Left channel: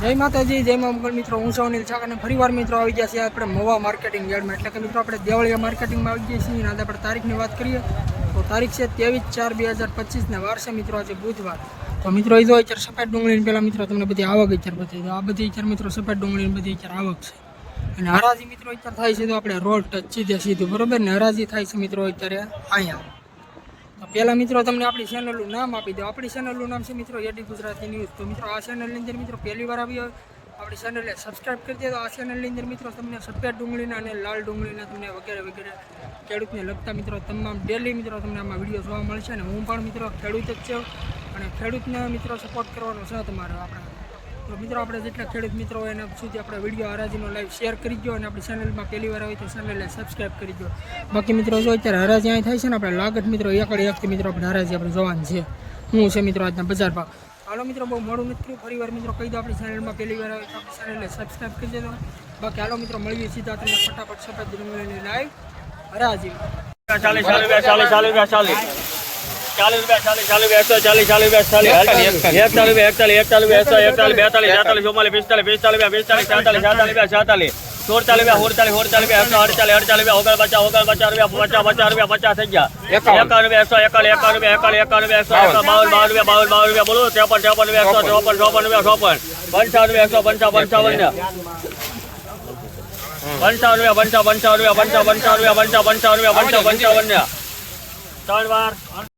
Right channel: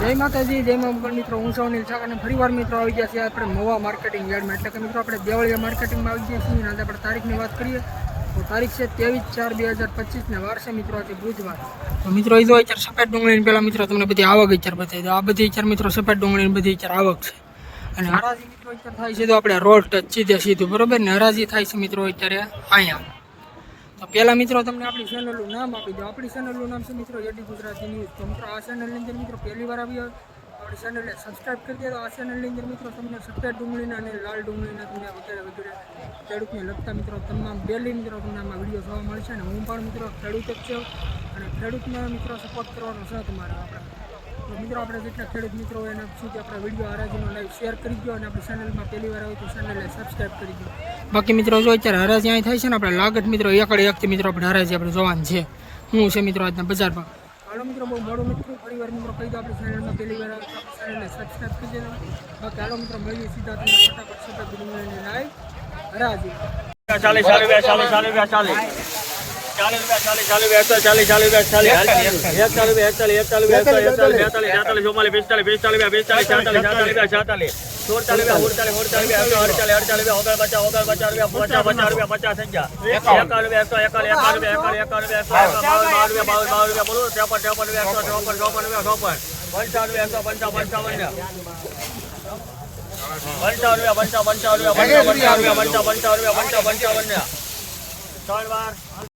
જય માતાજી, જય મા મંગલ મિત્રો, હું સૌનીલ છાક અને ફરીવાર મિત્રો આવી ગયા છીએ આપણે મવા માર્કેટિંગ યાર્ડમાં. એટલે કે મિત્રો, આપણે દેવળિયા માર્કેટિંગમાં આવી ગયા છીએ અને આજે આપણે તારીખની વાત કરીએ, તો તારીખ છે ત્રેવીસ ચાર બે હજાર પચીસને વાર છે મિત્રો, આજે બુધવાર. તો મિત્રો એ જો અત્યારે સફેદ ડુંગળીની પહેલાં મિત્રો, તમને બધી આવક અત્યારે બતાવી દો આ બધી અત્યારે મિત્રો સફેદ ડુંગળીની બધી અત્યારે આવક છે. અને હરાજી મિત્રો અત્યારે થાય છે તો આપણે રોડ ટચ સીધે સીધું, બરોબર ને? હરાજી થાય છે મિત્રો અત્યારે અહીંયા. તો પહેલા મિત્રો તમને આપણી ચેનલનું નામ આપી દો આપણી ચેનલનું નામ છે મિત્રો એડી ગુજરાતી ન્યૂઝ તો મિત્રો આ ચેનલની અંદર મિત્રો પહેલી વાર આવી આપણી ચેનલને સબસ્ક્રાઈબ કરી દે તો આ ચેનલની અંદર મિત્રો તમને સફેદ ડુંગળીના અને લાલ ડુંગળીના તમને વગેરે વગેરે ખેડૂતને લગતા મિત્રો તમામ ડેલી મિત્રો તમને આમાં વીડિયો જોવા મળશે. અને હું પણ મિત્રો ખેડૂત જ છું. અને ખેડૂતને મિત્રો સપોર્ટ કરવાનો છે તમારે આપણા તો મિત્રો, આપણે જેટલા ખેડૂત મિત્રો હોય એના સુધી આપણે વીડિયો હરાજીનો લાઈવ શેર કરી દો અને આપણી ચેનલમાં પહેલી વાર હોય તો ચેનલને સબસ્ક્રાઇબ કરી દો બાકી મિત્રો, જો અત્યારે હરાજી અહીં થાય છે ને, આપણે લાગત મિત્રો, એકડે એકથી મિત્રો, આપણે હરાજી આપણે જોવાનું છે. હું છે મિત્રો આજના બજાર ભાવ. હાલો મિત્રો, બહુ મોડું નથી ફરી વાર મિત્રો કહી દો આપણી ચેનલમાં પહેલી વાર આવે તો આપણી ચેનલને સબસ્ક્રાઇબ કરી દેજો. બાકી હાલો મિત્રો, મળીએ સીધા તમને ફટાફટ સફેદ લાઈવ હરાજી ચાલીસ ચાલીસ ચાલીસ ચાલીસ. ચાલીસ ચાલીસ ચાલીસ ચાલીસ ચાલીસ ચાલીસ ચાલીસ એકતાલીસ એકતાલીસ એકતાલીસ એકતાલીસ બેતાલીસ તેતાલીસ ચુમ્માલીસ પિસ્તાલીસ પિસ્તાલીસ પિસ્તાલીસ છેતાલીસ છેતાલીસ છેતાલીસ સુડતાલીસ સુડતાલીસ સુડતાલીસ એકસો અડતાલીસ અડતાલીસ ઓગણ પચાસ ઓગણ પચાસ રૂપિયા પચાસ પચાસ રૂપિયા પચાસ થઈ ગયા એકાવન રૂપિયા એકસો એકાવન એકાવન રૂપિયા એકાવન એકાવન રૂપિયા એકસો એકસો બાવન બાવન રૂપિયા બાવન બાવન રૂપિયા બોલો ત્રેપન ત્રેપન રૂપિયા એકસો ચોપન ચોપન રૂપિયા ચોપન પંચાવન રૂપિયા એકસો પંચાવન પંચાવન પંચાવન રૂપિયા પંચાવન પંચાવન રૂપિયા પંચાવન પંચાવન રૂપિયા પંચાવન પંચાવન રૂપિયા પંચાવન પંચાવન ત્રણ વાર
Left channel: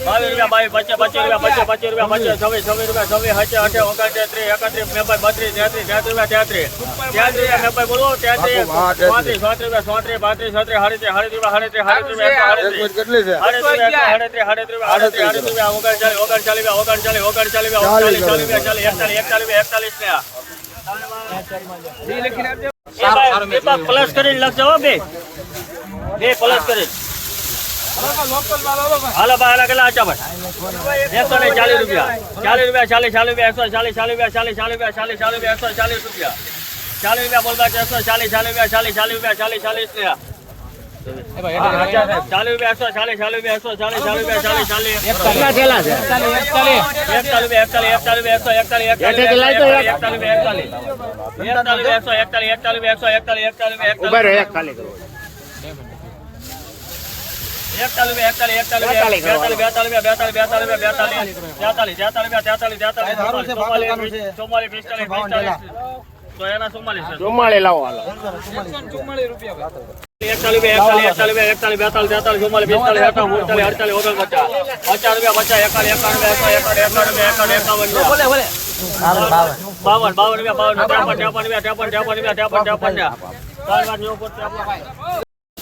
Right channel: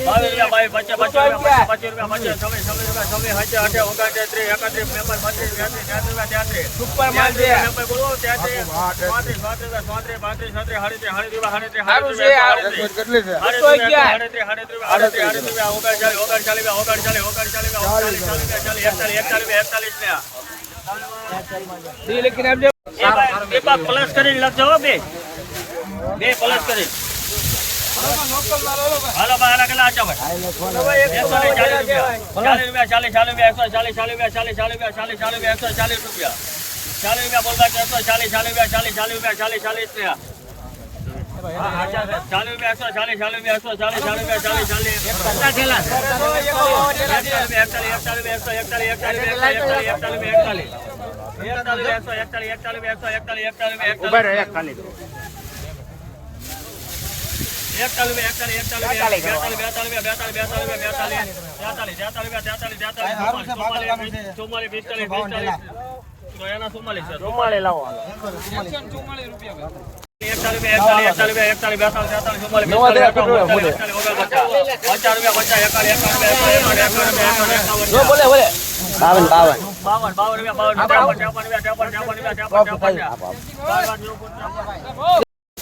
સાસઠ રૂપિયા એકસો સાસઠ સડસઠ સડસઠ રૂપિયા એકસો સડસઠ રૂપિયા એકસો સડસઠ બોલે છે માલ છે એક ઓ કોઈ લા થેલી લા એટલી લા એટલી લા ઢીલા ઓ બીજી થેલી જો આમ જો મુકેશભાઈ પાસે ઓ કેવું પાંચસો રૂપિયા પાંચસો રૂપિયા પાંચસો રૂપિયા સાતસો રૂપિયા સાતસો સાતસો રૂપિયા સાતસો સાતસો ને હાલો નહીં ભાઈ આપણને એવું બધું ભાઈ સાતસો ત્રણ વાર ચાલુ હાલો ભાઈ હાલો કેટલા આચા ભાઈ એકસો ને ચાલીસ રૂપિયા ચાલીસ રૂપિયા ચાલીસ ચાલીસ રૂપિયા એકસો ચાલીસ ચાલીસ રૂપિયા ચાલીસ ચાલીસ રૂપિયા ચાલીસ ચાલીસ રૂપિયા એકસો ચાલીસ રૂપિયા ચાલીસ રૂપિયા બોલતા એકસો ચાલીસ ચાલીસ રૂપિયા ચાલીસ ચાલીસ રૂપિયા ચાલીસ ચાલીસ રૂપિયા ચાલીસ રૂપિયા એકસો ચાલીસ ચાલીસ રૂપિયા એકસો ચાલીસ ચાલીસ રૂપિયા ચાલીસ ચાલીસ એકતાલીસ એકતાલીસ એકતાલીસ એકતાલીસ એકતાલીસ એકસો બાવન બાવન રૂપિયા ભાઈ એકાવન એકાવન એકસો એકાવન એકાવન ને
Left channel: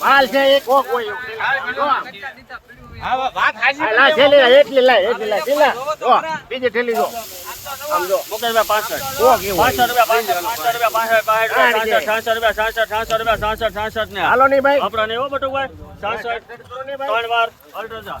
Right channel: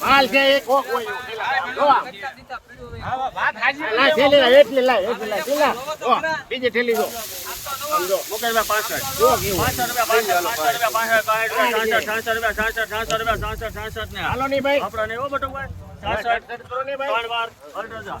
માલ એક. ઓ કોઈ પાસે ઓ રૂપિયા 500 રૂપિયા રૂપિયા 500 રૂપિયા 500 રૂપિયા 500 ને ઓ બટુ ભાઈ. 66 ત્રણ વાર. ઓર્ડર જા.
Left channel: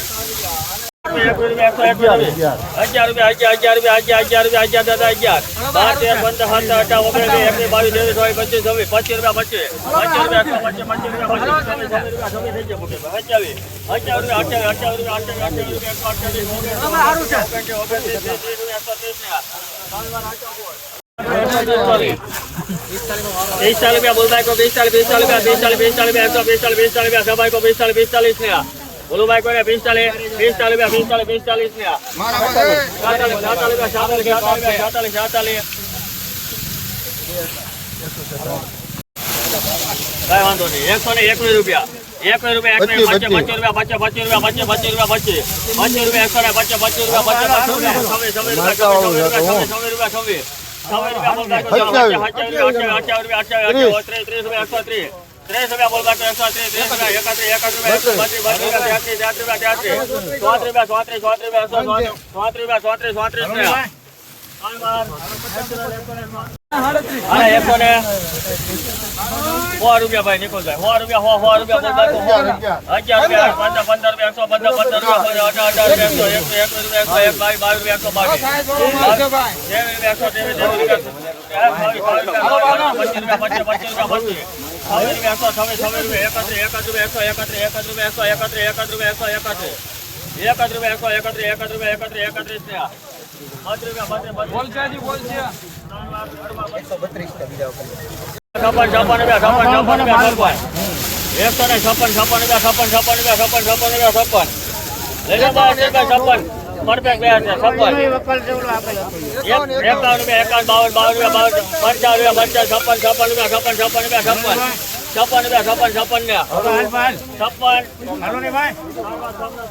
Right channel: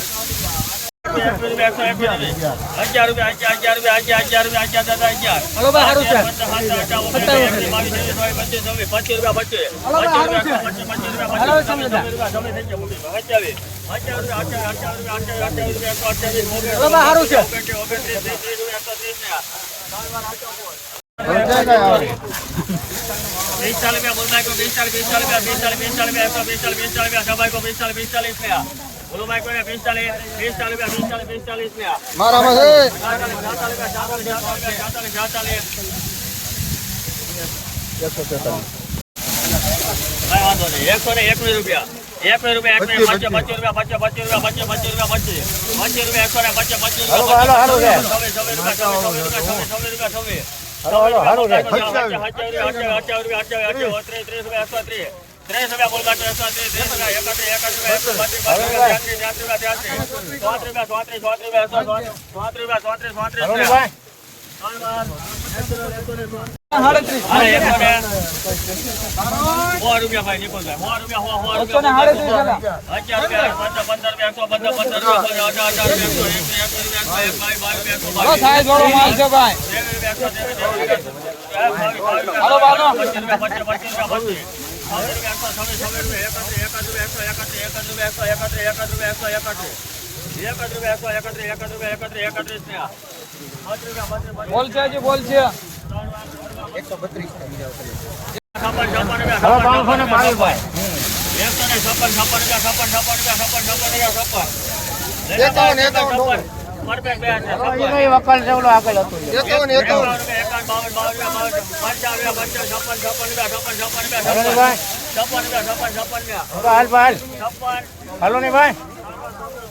बीस साल रुपया बोलता है बीस साल बीस साल बीस साल बीस साल बीस साल बीस साल बीस साल बीस साल बीस साल बीस साल बीस साल ને બોલુભાઈ કોને પિસ્તાલીસ પિસ્તાલીસ રૂપિયા પિસ્તાલીસ પિસ્તાલીસ ને સાતાલીસ સાતાલીસ રૂપિયા સાતાલીસ સાતાલીસ કાંઈ વાંધો નહીં એકસો ને એકવીસ રૂપિયા એકવીસ રૂપિયા એકવીસ પચીસ રૂપિયા પચીસ પચીસ રૂપિયા પચીસ રૂપિયા પચીસ પચીસ રૂપિયા એકસો ને પચીસ પચીસ રૂપિયા પચીસ રૂપિયા છવ્વીસ રૂપિયા છવ્વીસ રૂપિયા ભાઈ નીકળ ત્રીસ રૂપિયા પંદર રૂપિયા એકસો પંદર રૂપિયા અઢાર અઢાર રૂપિયા એકસો રૂપિયા બાવીસ બાવીસ રૂપિયા ને છપ્પન છપ્પન રૂપિયા છપ્પન છપ્પન રૂપિયા છપ્પન છપ્પન રૂપિયા છપ્પન લઈને બાવન રૂપિયા છપ્પન પરફેક્ટ ગયા છે છપ્પન એકાવન રૂપિયા એકાવન બાવન બાવન રૂપિયા બાવન પંચાવન રૂપિયા પંચાવન છપ્પન છપ્પન રૂપિયા છપ્પન છપ્પન રૂપિયા છપ્પન છપ્પન રૂપિયા છપ્પન છપ્પન ને છપ્પન એકતાલીસ એકસો એકતાલીસ એકતાલીસ એકતાલીસ એકતાલીસ એકતાલીસ એકતાલીસ એકતાલીસ બેતાલીસ એકસો બેતાલીસ બેતાલીસ બે બોલભાઈ કો બેતાલીસ બેતાલીસ બેતાલીસ બેતાલીસ છપ્પન છપ્પન બેતાલીસ છપ્પન છપ્પન છપ્પન પિસ્તાલીસ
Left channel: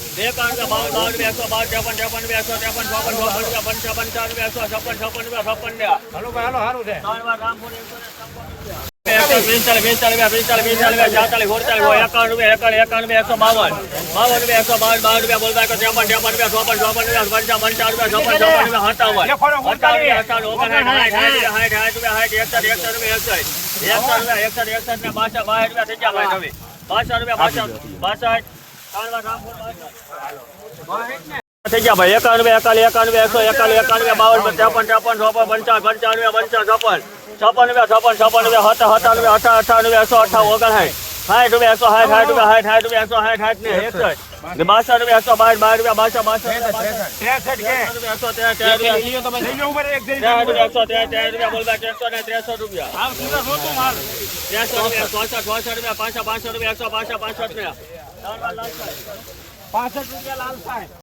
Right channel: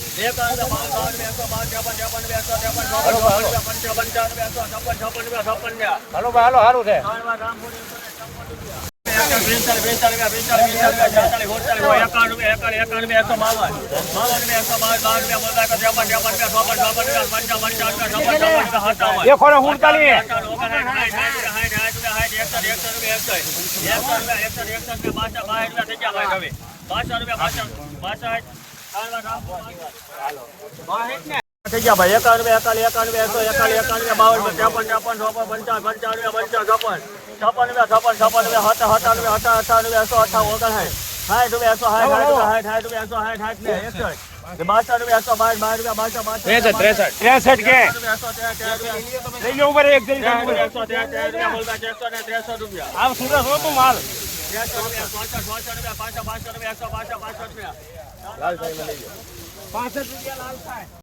એકાવન બાવન બાવન એકસો બાવન ત્રેપન ત્રેપન ત્રેપન ચોપન ચોપન પંચાવન પંચાવન એકસો છપ્પન છપ્પન છપ્પન ને ત્રેપન ત્રેપન સાઠ સાઠ રૂપિયા સાઠ એકસઠ ને બાસઠ બાસઠ રૂપિયા બાસઠ બાસઠ થઈ ગયા ભાઈ એકાલી એકાવન રૂપિયા એકસો એકાવન રૂપિયા બાવન ત્રેપન ત્રેપન ચોપન પંચાવન પંચાવન પંચાવન સાઠ રૂપિયા એકસો રૂપિયા સાઠ સાઠ રૂપિયા એકસો સાઠ સાઠ ને રૂપિયા પાછા પાસઠ રૂપિયા લાલ સાહેબ.